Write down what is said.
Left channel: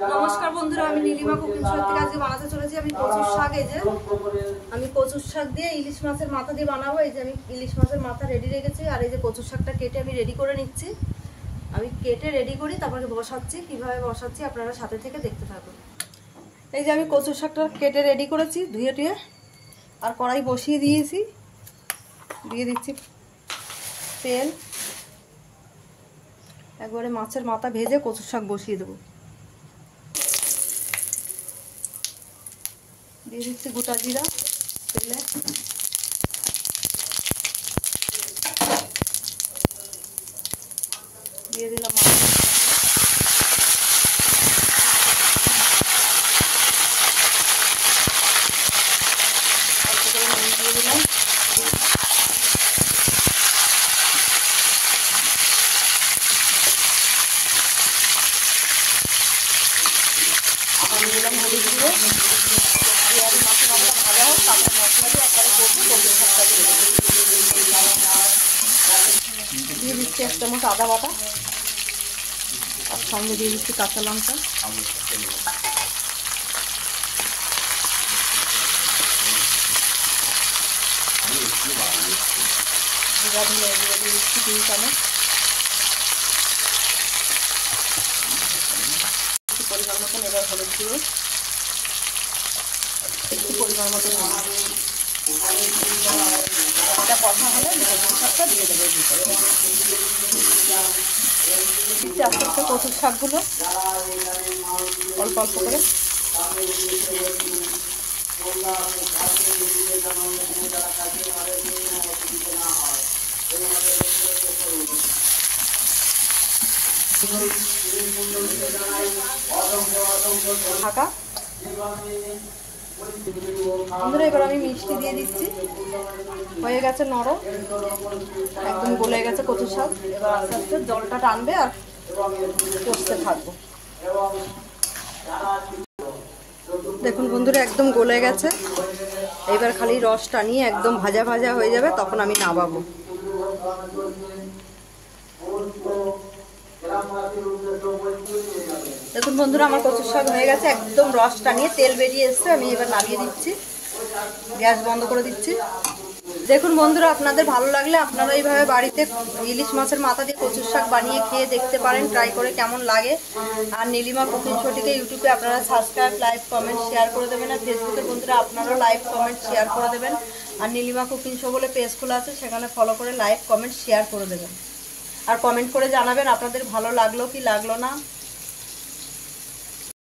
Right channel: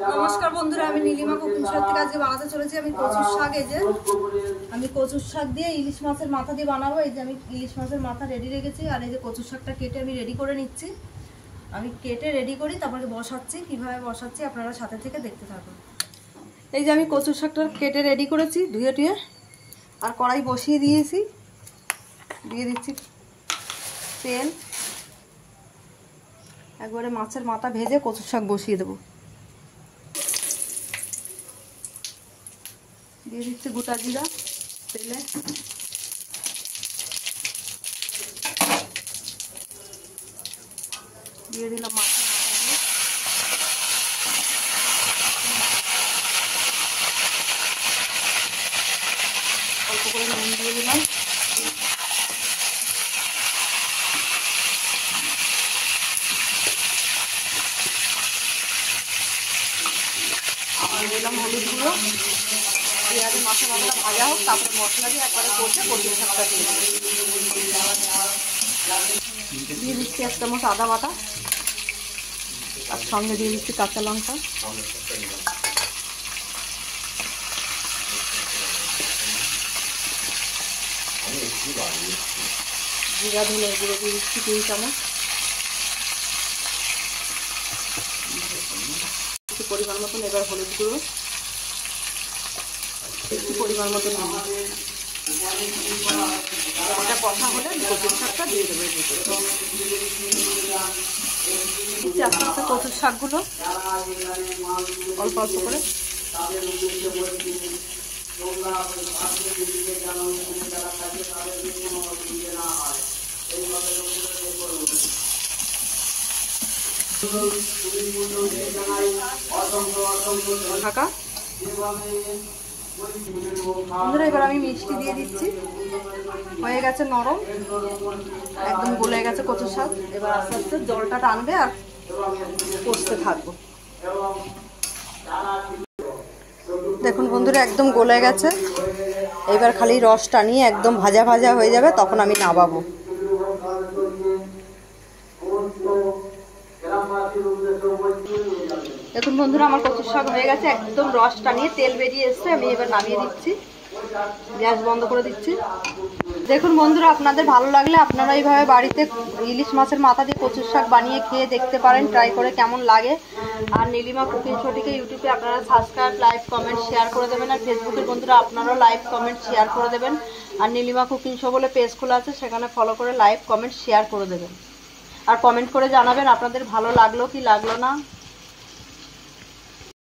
নমস্কার বন্ধুরা, আমি নীলিমা কুকিং শো থেকে আজকে বানাতে চলেছি আমি কচুর শাক। এই যে আমি কচুর শাক দিয়ে ইলিশ মাছের মাথা দিয়ে বানাবো। এই যে আমি ইলিশ মাছের মাথা রেডি রেখেছি, আর এই যে কচুর শাকটা কেটে আমি রেডি করে নিচ্ছি। আমি কেটে রেডি করি, তারপরে বসাচ্ছি। কিভাবে বসাচ্ছি আপনারা সাথে থেকে দেখতে থাকুন। এই যে আমি কচুর শাকটা কেটে রেডি করেছি, ধুয়ে টুয়ে, আর কড়াই বসিয়ে দিয়েছি। দিয়ে দিচ্ছি তেল। একবারে মাছের মাথা ভেজে কচুর শাক বসিয়ে দেবো। দিয়ে দিচ্ছি গোটা জিরা তেলে। দিয়ে দিলাম মাছ, অল্প করে নুন দিয়ে দিলাম। দিলাম হলুদ গুঁড়ো। পেঁয়াজ মাছের মাথাটা ভাজা হোক, তারপরে মশলা দিয়ে একবারে করতে কচুর শাকটা দিয়ে দিচ্ছি 1 চামচ আদা বাটা, আর সঙ্গে দিয়ে দিচ্ছি কাঁচা লঙ্কা। জিরা ধনে গুঁড়ো দিয়ে দিচ্ছি 3 চামচ। পরিমাণ মতন এবার হলুদ গুঁড়ো, একটু পরিমাণ মতন এটা কষা হলে কচুর শাকটা দিয়ে দেবো। দিচ্ছি আস্তে আস্তে কচুর শাকগুলো অল্প অল্প করে। ঢাকা। বন্ধুরা এবার আমি মিষ্টি দিয়ে দিচ্ছি। হয়ে গেছে নরম, একদম গলে গেছে কচুর শাক। এবার আস্তে আস্তে জলটা টানবে আর কষতে থাকবো। দেখুন বন্ধুরা একদম গলে গেছে। এবার খালি রস টানিয়ে একদম ভাজা ভাজা হয়ে যাবে, তখন আমি নামাবো। দেখুন বন্ধুরা আমার কচুর শাক হয়ে গেছে, একদম রস টানিয়ে তেল বেরিয়ে এসছে। আমি এবার নামিয়ে দিচ্ছি, গ্যাস বন্ধ করে দিচ্ছি। দেখুন বন্ধুরা, আপনাদের ভালো লাগলে আপনারা এইভাবে বাড়িতে ইলিশ মাছের মাথা দিয়ে কচুর শাক বানিয়ে খেয়ে দেখতে পারেন, ট্রাই করে কেমন লাগে। আর নীলিমা কুকিং শোটিকে ইউটিউবে আপনারা সাবস্ক্রাইব, লাইক, কমেন্ট, শেয়ার করে দেবেন। আর ফেসবুকের বন্ধুরা আপনারাও লাইক, কমেন্ট, শেয়ার করে দেবেন। আর নীলিমা কুকিং শো বলে পেজ খোলা আছে, সেখানে ফলো করে লাইক, কমেন্ট, শেয়ার করে দেবেন। আর কমেন্ট করে জানাবেন আপনাদের ভালো লাগলো কি লাগলো না।